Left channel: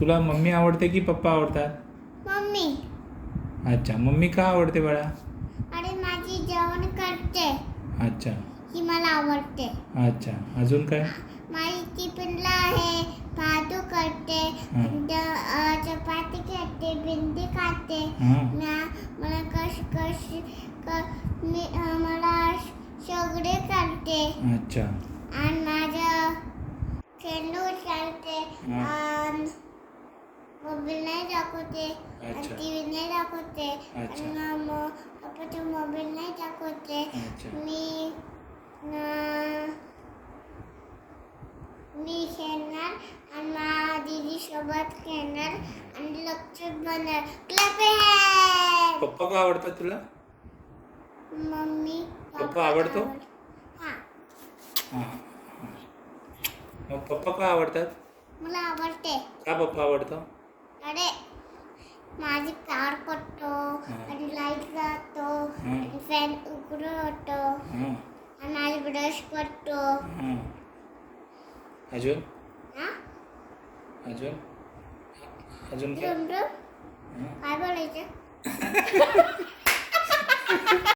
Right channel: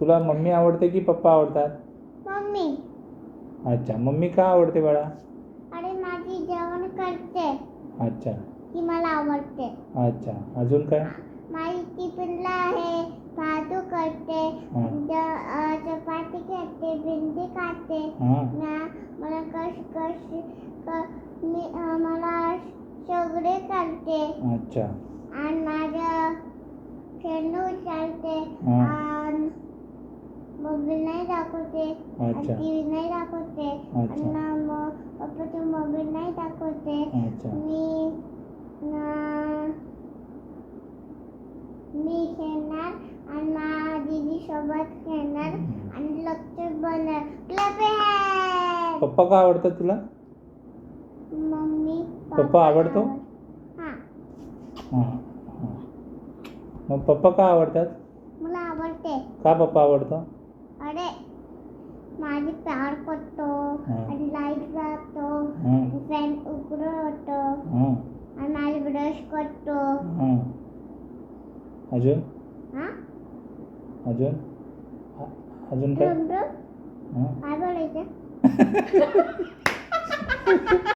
तुला मम्मी आवडते की पप्पा आवडतात? मम्मी. अच्छा, मम्मी का आवडते बाळा? अरे माझी जेवण करते, अच्छा ही मला आवडते. अच्छा, अजून काय? माझी टिफिनला आहे भातू करते, हां चपाती खाते, भेंडी खाते. हां मला मला सगळे करते. अच्छा आणि माझं खेळणू चालते. हां आणि मोबाईल नाही दाखवते, अच्छा टी व्ही नाही दाखवते, अच्छा आणि पप्पाचा मोबाईल नाही दाखवते. अच्छा मी खेळणार आणि माझ्या दीदी सोबत खेळणार आणि लक्ष बनणार. क्लब आहे. पप्पा का आवडतात तुला? मम्मी पप्पा आवडतो? हां, हां हां. मग पप्पा का आवडतात? मला आवडते. का पप्पा आवडतो? अरे माझी प्यार करतो हां आणि लाईट जातो हां आणि फॅन उघडं होतो हां आणि माझी ब्रश करतो. हां. अजून हां अजून अजून काय? झुमझुम हां काय बोलायचं?